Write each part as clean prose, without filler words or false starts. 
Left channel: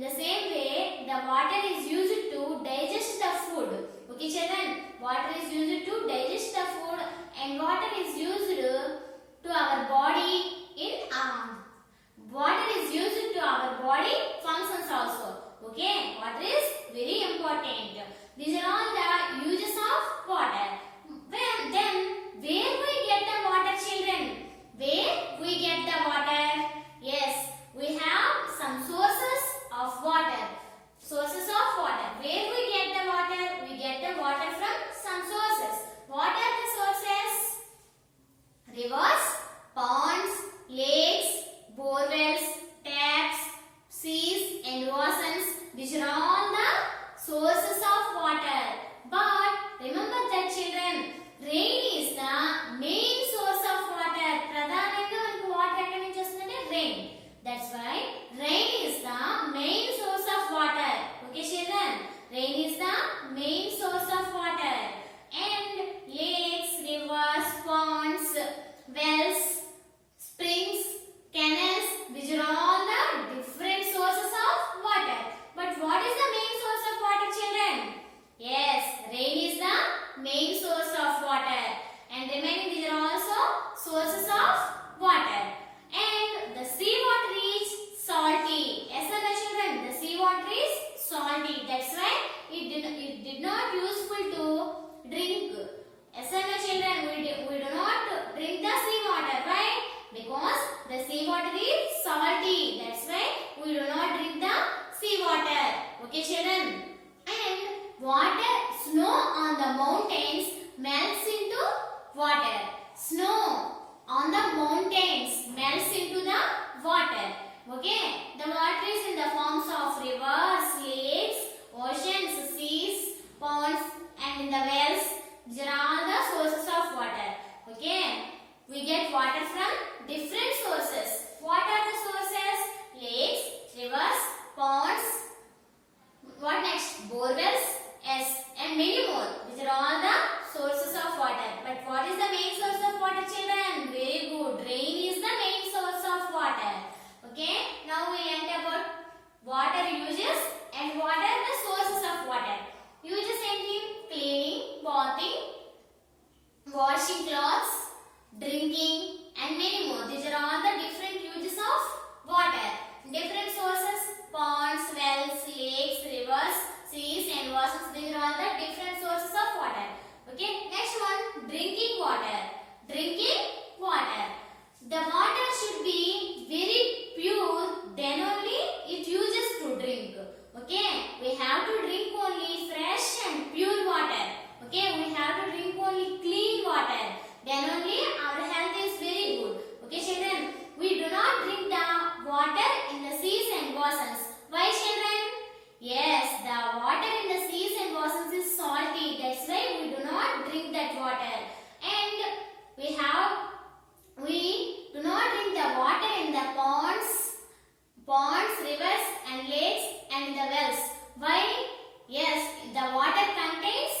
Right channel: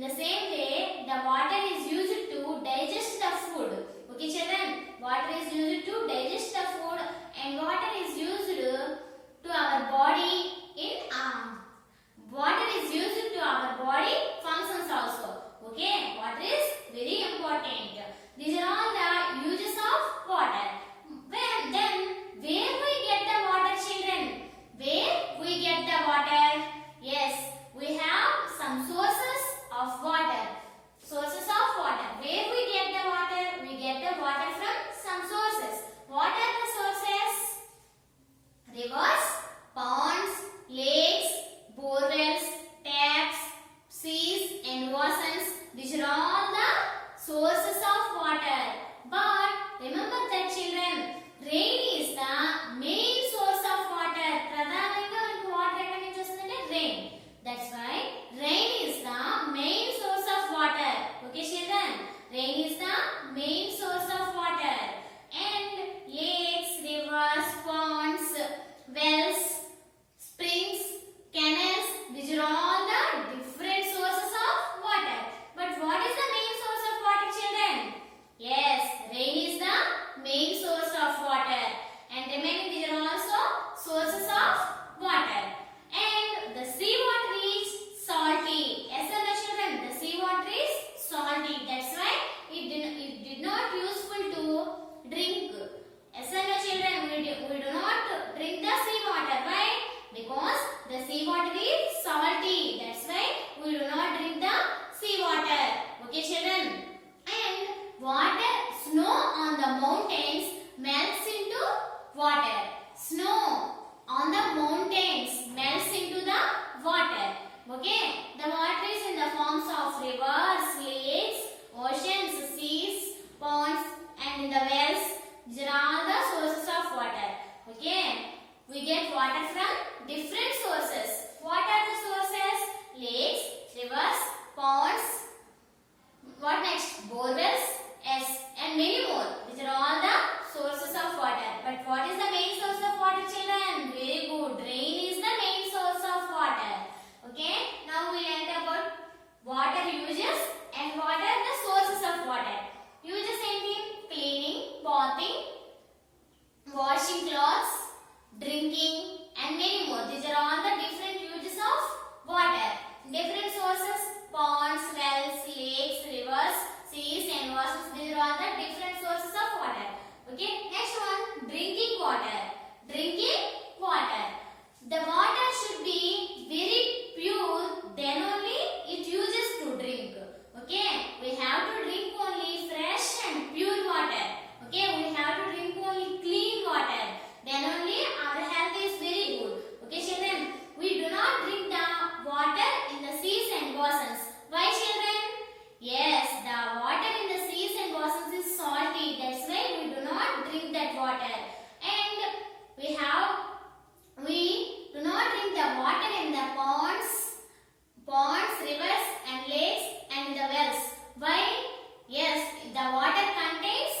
In the same way, the water is used to digest the food. Okay, children, water is used to digest the food, and water is used to our body in water is used to our body functions also. Okay, water is very important. These are all the uses of water. Then where we get the water, children? Where we get the water? Yes, we have some sources of water. Sources of water. Where we get the water? We get the water from some sources. What are the sources? Rivers, ponds, lakes, borewells, taps, seas and oceans. These are all the sources of water. But remember that, children, rain is the main source of water. ప్రధానంగా మనకు water ఎక్కడి నుంచి వస్తుందంటే rain. That's why rain is the main source of water. Okay, children? Rain is the main source of water. And lakes, rivers, ponds, wells, springs, canals, these are all the different sources of water. But what is the main source of water, children? Yes, rain is the main source of water. And remaining, these are also sources of water. And the sea water is salty. Yes or no, children? The sea water is salty. That's why it did not useful to drink. Yes or no, children? We do not drink the sea water. Why? Because the sea water is salty. That's why we do not drink the sea water. Okay, children? And water, snow on the mountains melts into water. Snow on the mountains melts into the water. Okay? The water is in the forms of rivers, lakes, oceans, seas, ponds, and in the wells. These are all the sources of water. Okay? We get water from different sources. What are the sources? Lakes, rivers, ponds. What next? Borewells, yes, and many more. These are all the sources of water. But what is the main source of water, children? Very good. Rain is the main source of water. Okay? Now we learned about water uses and what are the sources of water. Uses include cleaning, bathing, washing clothes, drinking, and many more. These are all the different uses of water. Different sources: ponds, wells, lakes, rivers, seas, and oceans. These are all the different sources of water. Okay. Next one, drinking water. Drinking water. The water should be very pure. Then only it uses to drink. Okay. We have to drink only fresh and pure water. Okay. We have to drink only clean water. Then only our health is very good. Okay, children? We do not drink the water in the seas and oceans. Why, children? Yes, the water in the seas and oceans is salty. That's why we do not drink that water. And we do not drink the water in the ponds, rivers, and lakes, and in the wells. Why? Yes, the water contains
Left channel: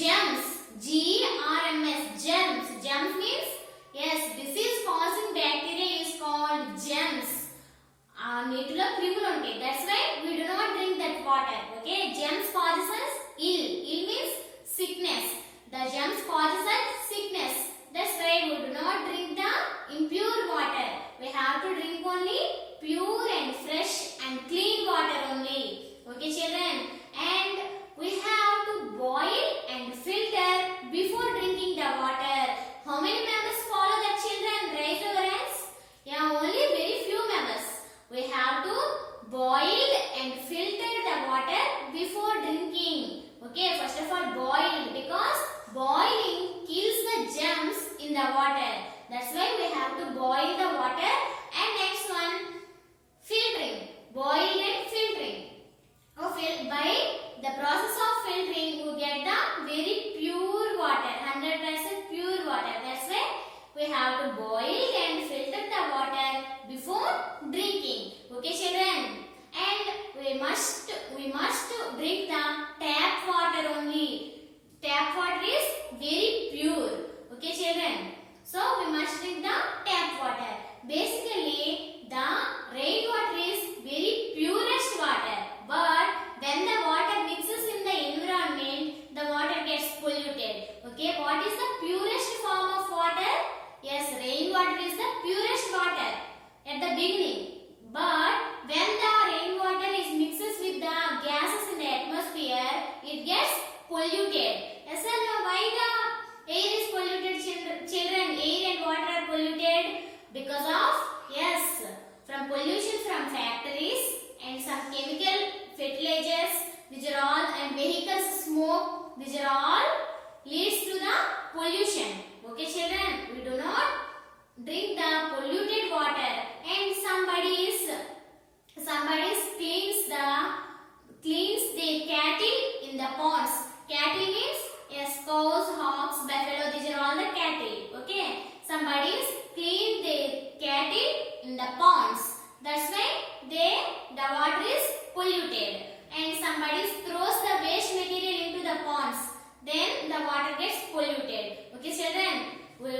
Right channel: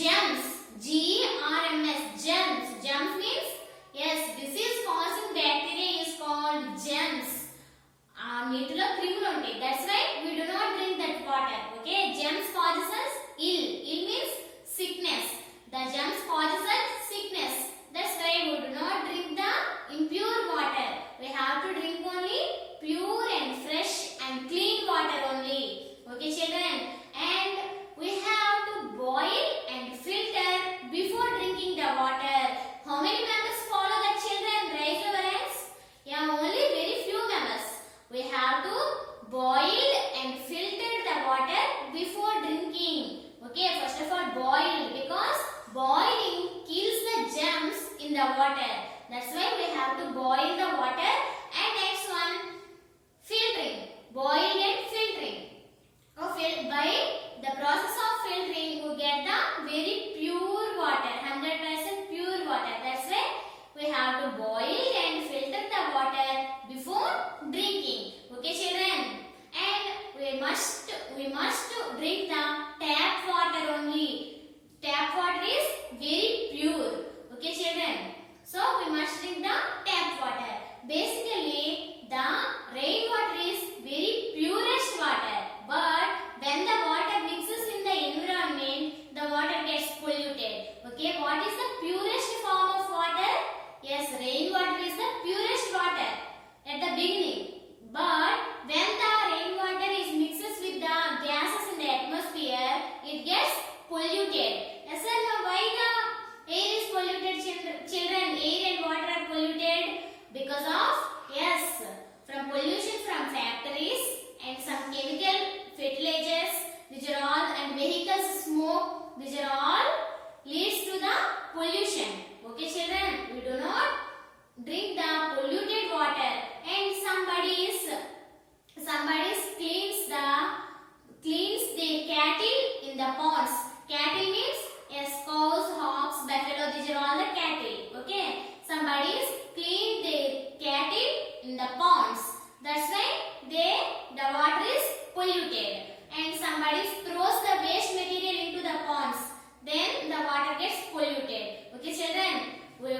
germs. G-E-R-M-S, germs. Germs means, yes, disease-causing bacteria is called germs. నీటిలో క్రిములు ఉంటాయి. That's why we do not drink that water. Okay, germs causes us ill. Ill means sickness. The germs causes us sickness. That's why we do not drink the impure water. We have to drink only pure and fresh and clean water only. Okay, children? And we have to boil and filter before drinking the water. How many members follow that, children? Raise your hands. Yeah, only very few members. We have to boil and filter the water before drinking. Okay, first of all, boil, because boiling kills the germs in the water. That's why we have to boil the water. And next one, filtering. Boil and filtering. By the process of filtering, we get the very pure water, 100% pure water. That's why we have to boil and filter the water before drinking. Okay, children? And we must drink the tap water only. Tap water is very pure. Okay, children? So we must drink the tap water. Basically, the rainwater is very purest water. smoke, these are all leads to the pollution. Okay children, we do not drink the polluted water. And somebody cleans their cattle in the ponds. Cattle means yes, cows, hogs, buffalo, these are all the cattle. Okay, somebody clean their cattle in the ponds. That's why the water is polluted. And somebody throws the waste material into the ponds, then the water gets polluted. Okay children, we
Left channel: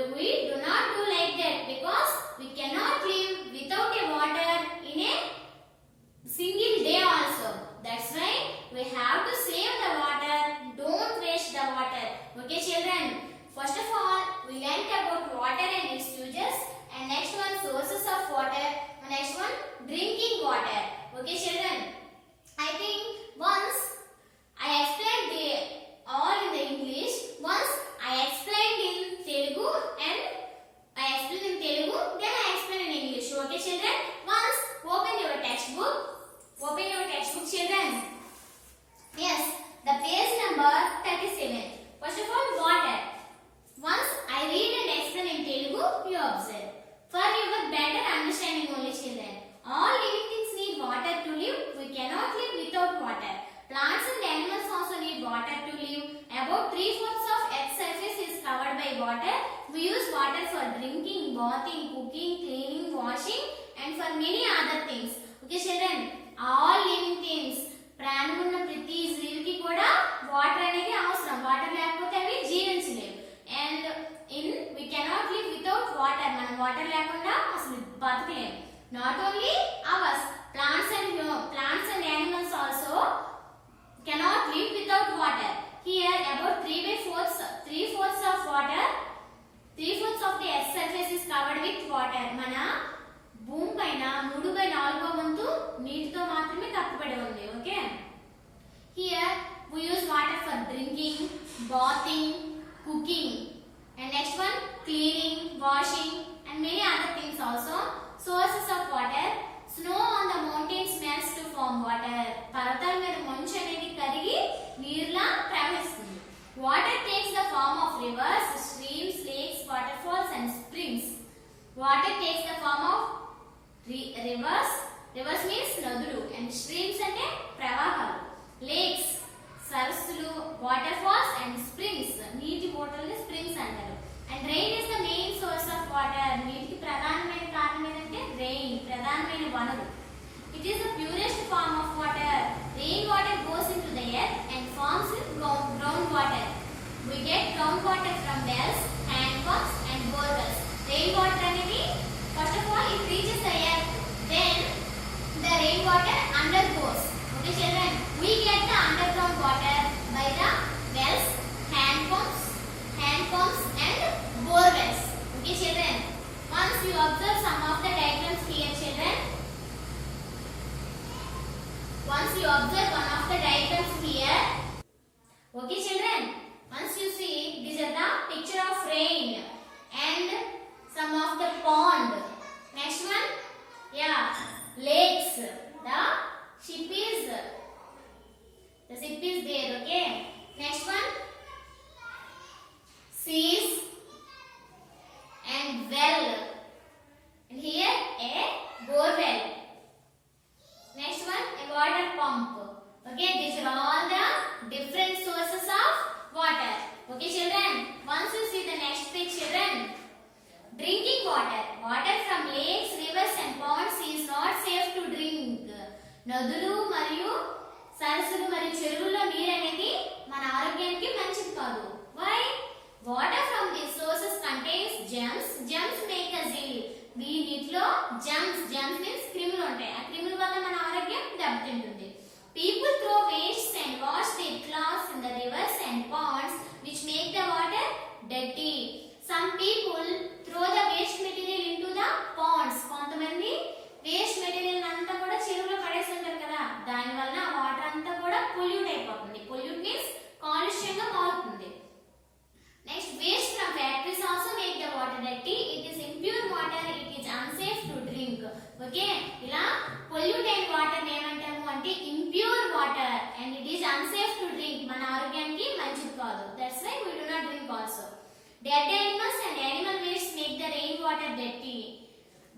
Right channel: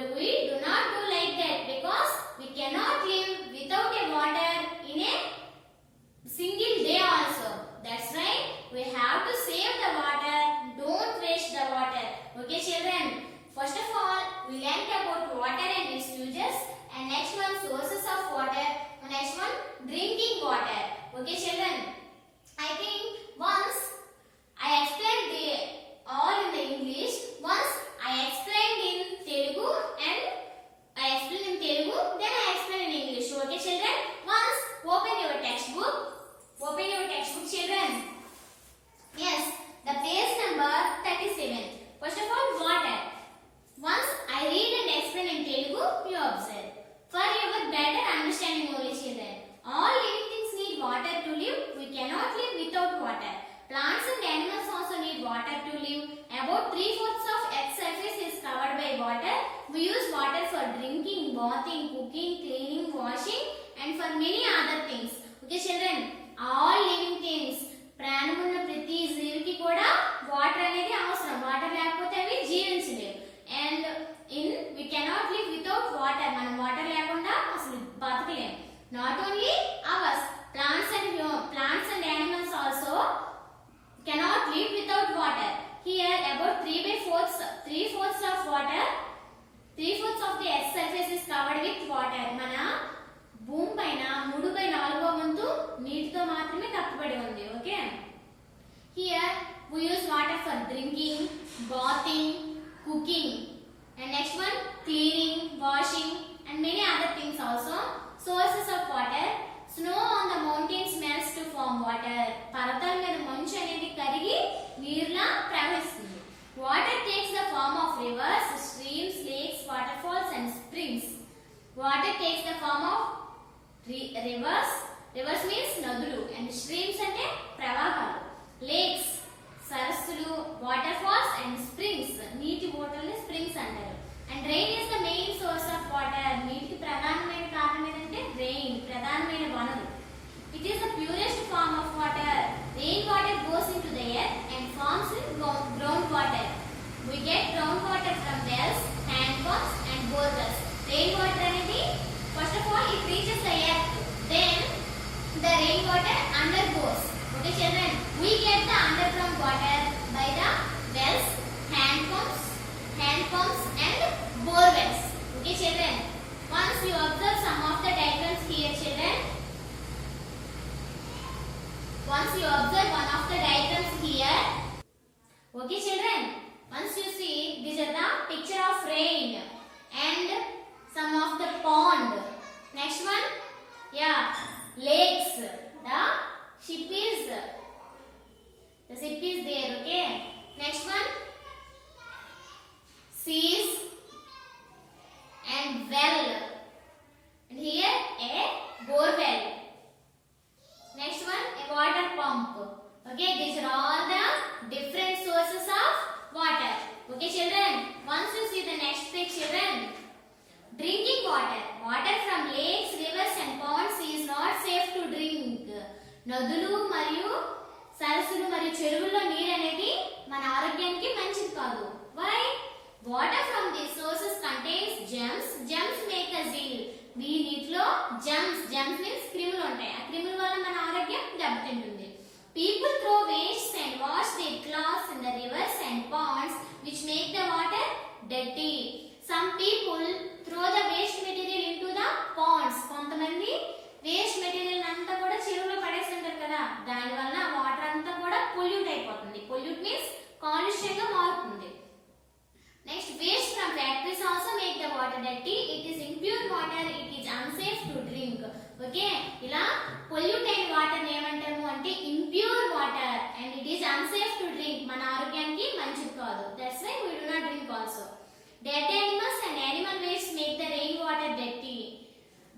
do not do like that, because we cannot live without a water in a single day also. That's why we have to save the water, don't waste the water. Okay children, first of all we learnt about water and its uses, and next one sources of water, and next one drinking water. Okay children, I think once I explained all in the English, once I explained in Telugu, and I explained in Telugu, then I explained in English. Okay children, once open your textbook children. Yes, the page number 37. First of all, water. Once I read and explain in Telugu, you observe. For your better understanding only children, all living things need water to live. We cannot live without water. Plants and animals also need water to live. About 3/4 of Earth's surface is covered by water. We use water for drinking, bathing, cooking, cleaning, washing, and for many other things. Okay children, all living things, ప్రాణమున్న ప్రతి జీవికి కూడా water అనేది అవసరం. Water లేకపోతే అవి జీవించలేవు. And we cannot live without water. మనం water లేకుండా అసలు బతకలేము. Not only ours, plants and animals also cannot live without water. Here about 3/4 of water, 3/4 of the earth surface is covered with water. మన భూమి పైన 3/4 వంతు నీటితో మాత్రమే కప్పబడి ఉంది. Okay, here we use water for drinking, bathing, cooking, and next one cleaning, washing, and many other things also. Sources of water: snow on the mountains melts to form water. పర్వతాల మీద మంచు అనేది కరిగి నీరులా ప్రవహిస్తుంది. Water takes the form of rivers, streams, lakes, waterfalls, and springs. Water takes the form of rivers. Rivers means నదులు, and streams అంటే ప్రవాహాలు. Lakes సరస్సులు, waterfalls and springs నీటి ఊటల్ని springs అంటారు. And rain is the main source of water. నీటికి ప్రధానమైన కారణం ఏంటంటే rain, ప్రధానమైన వనరు. It is the purest form of water. Rain water goes into the earth and forms groundwater. We get groundwater from wells, hand pumps and bore wells. Rain water అనేది first of all it reaches the earth, then the rain water undergoes. Okay children, we get the underground water by the wells, hand pumps and bore wells. Okay children, once you observe some of the diagrams here children, once you observe one of the diagrams here. Okay children, once you see these are the picture of rain and some of the pond. Next one, yeah, lakes. The ship is there. Okay, next one, seas and well, and here a bore well. Next one, a water pump. Okay, these are all the different sources of water. Okay children, once you see the next page children, drinking water. Water from lakes, rivers and ponds is not safe to drink. నదులు మరియు సరస్సులు మరియు చెరువుల్లో నీరు అనేది మన ఆరోగ్యానికి మంచిది కాదు. Why? Water from these sources contains germs. Germs make us ill. ఈ నీటిలో germs means క్రిములు ఉంటాయి. ఆ క్రిముల వల్ల మన ఆరోగ్యం దెబ్బతింటుంది. People throw wastes and wash their clothes in the rivers and ponds, which make the water dirty. Some people throw the waste material into the ponds. కొంతమంది వేస్ట్ మెటీరియల్ అంతా కూడా చెరువులో పడేస్తుంటారు కదా, దాని వల్ల వాటర్ అంతా కూడా పొల్యూట్ అయిపోతుంది. పొల్యూట్ మీన్స్ కాలుష్యంగా మారుతుంది. Next, waste from factories also make the water dirty. It is impure water, it is unsafe to drink. Okay, ఇలా పొల్యూట్ అయిన వాటర్ ఏమంటాము అంటే impure water, and it is unsafe to drink. మన ఆరోగ్యానికి Dead animals and animal waste make the rainwater dirty.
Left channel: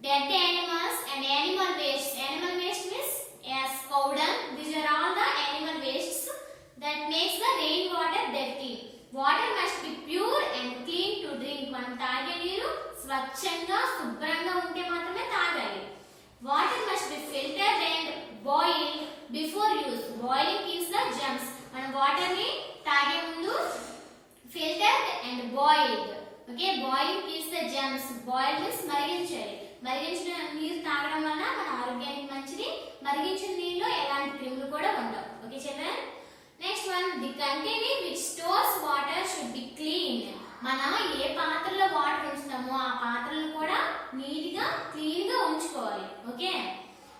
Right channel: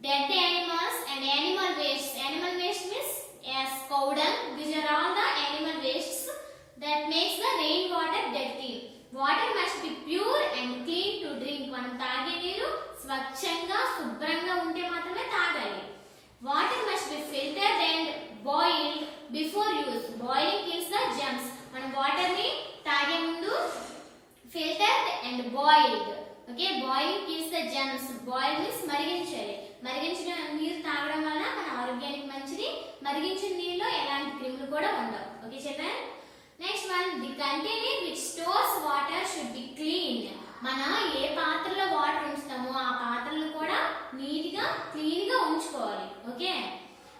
Dead animals and animal waste. Animal waste means as cow dung. These are all the animal wastes that makes the rainwater dirty. Water must be pure and clean to drink. మనం తాగే నీరు స్వచ్ఛంగా శుభ్రంగా ఉంటే మాత్రమే తాగాలి. Water must be filtered and boiled before use. Boiling kills the germs. మనం water ని తాగే ముందు filtered and boiled. Okay, boiling kills the germs. Boil means మరిగించాలి. మరిగించిన నీరు తాగడం వల్ల మన ఆరోగ్యానికి మంచిది. మరిగించిన నీరులో ఎలాంటి క్రిములు కూడా ఉండవు. Okay children. Next one, the container which stores water should be clean. మనం ఏ పాత్రలో వాటర్ ఉంచుతామో ఆ పాత్రలను కూడా నీట్ గా క్లీన్ గా ఉంచుకోవాలి. Okay.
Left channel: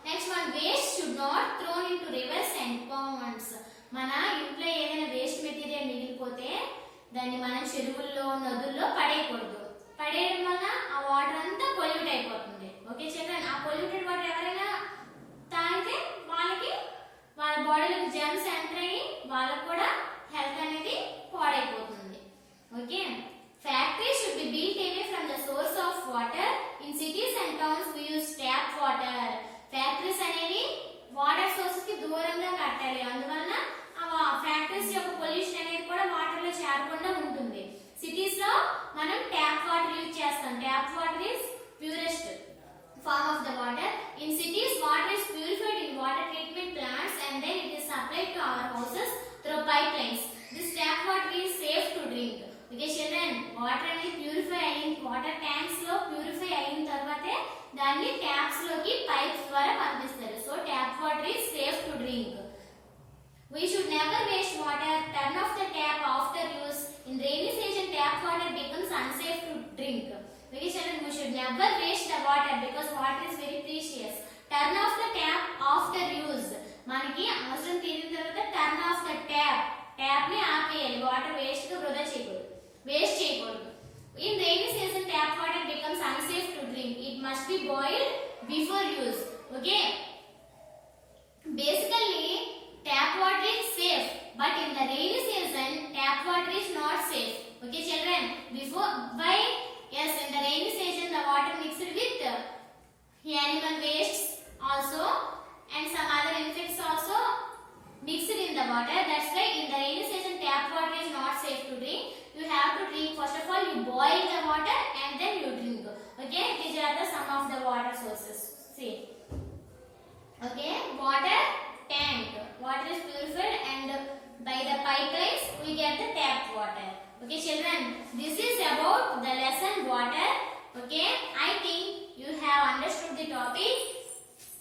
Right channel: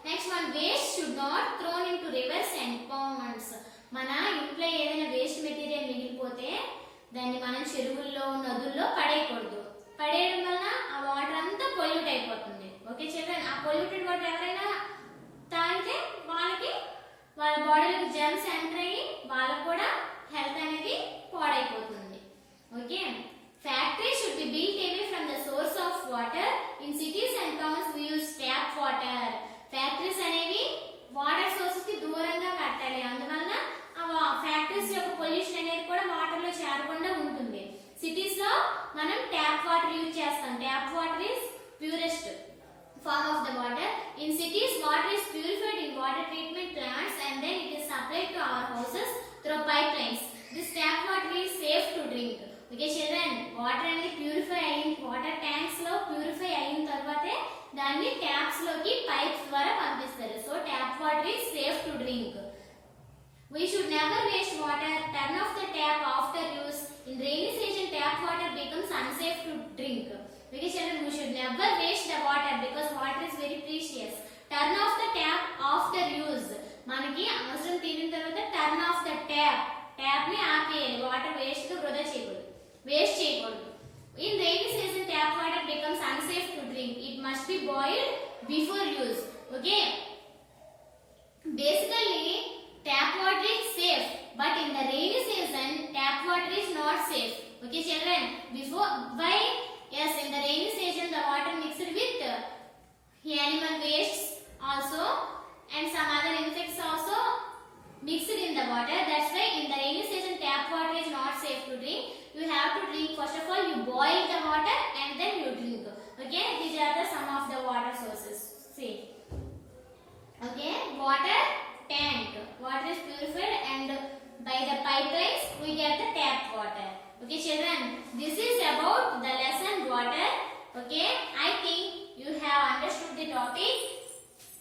Next one, waste should not thrown into rivers and ponds. మన ఇంట్లో ఏదైనా వేస్ట్ మెటీరియల్ మిగిలిపోతే దాన్ని మనం చెరువుల్లో నదుల్లో పడేయకూడదు. పడేయడం వల్ల ఆ వాటర్ అంతా పొల్యూట్ అయిపోతుంది. Okay children. ఆ పొల్యూటెడ్ వాటర్ ఎవరైనా తాగితే వాళ్ళ బాడీలో జర్మ్స్ ఎంటర్ అయ్యి వాళ్ళకు కూడా హెల్త్ అనేది పాడైపోతుంది. Okay. Factory should be built away from the source of water. In cities and towns we use tap water. Factories అనేవి వాటర్ సోర్స్ కి దూరంగా కట్టాలి. అందువల్ల ఆ ఫ్యాక్టరీస్ యొక్క పొల్యూషన్ అనేది కూడా వాటర్ లో చేరకుండా ఉంటుంది. సిటీస్ లో మనం ట్యాప్ వాటర్ యూజ్ చేస్తాం. Tap water is purest form of the water. In cities, water is purified in water treatment plants and then it is supplied to our houses through pipelines. This tap water is safe to drink. Okay children, water అనేది purify అయిన water tanks లో purify అయిన తర్వాతే దాన్ని taps లోకి pipes ద్వారా పంపిస్తారు. So tap water is safe to drink. We should never waste water. Turn off the tap after use. In rainy season, tap water becomes unsafe to drink. Okay children, we should never waste the water because water is very precious. Turn off the tap after use. మనకి అవసరం తీరిన తర్వాత turn off the tap. Tap ని ఆపేయాలి. Water waste గా వృధా చేయకూడదు. In rainy season, tap water becomes unsafe to drink. It must be boiled before use. Okay. Basically, tap water is safe, but in the rainy season, tap water is not safe. Okay children, why? Yes, in the rainy season the water mixed with animal wastes also and some other insects also mixed in the water. That's why in the rainy season tap water is not safe to drink. You have to drink, first of all you boil the water and then you drink. Okay, these are the some of the water sources. See. Okay, water tank. Water is purified and by the pipelines we get the tap water. Okay children, this is about the lesson water. Okay, I think you have understood the topic.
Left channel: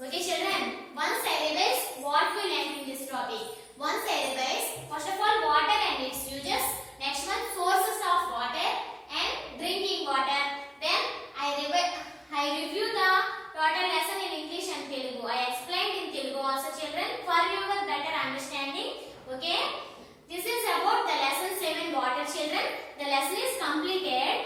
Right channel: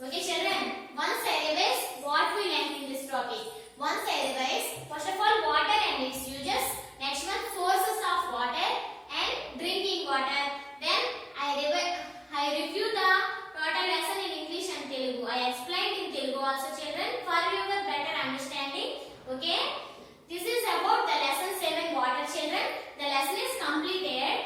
Okay children, once I revise what we learned in this topic. Once I revise, first of all water and its uses. Next one, sources of water and drinking water. Then I review the total lesson in English and Telugu. I explained in Telugu also children for your better understanding. Okay. This is about the lesson 7 water children. The lesson is completed.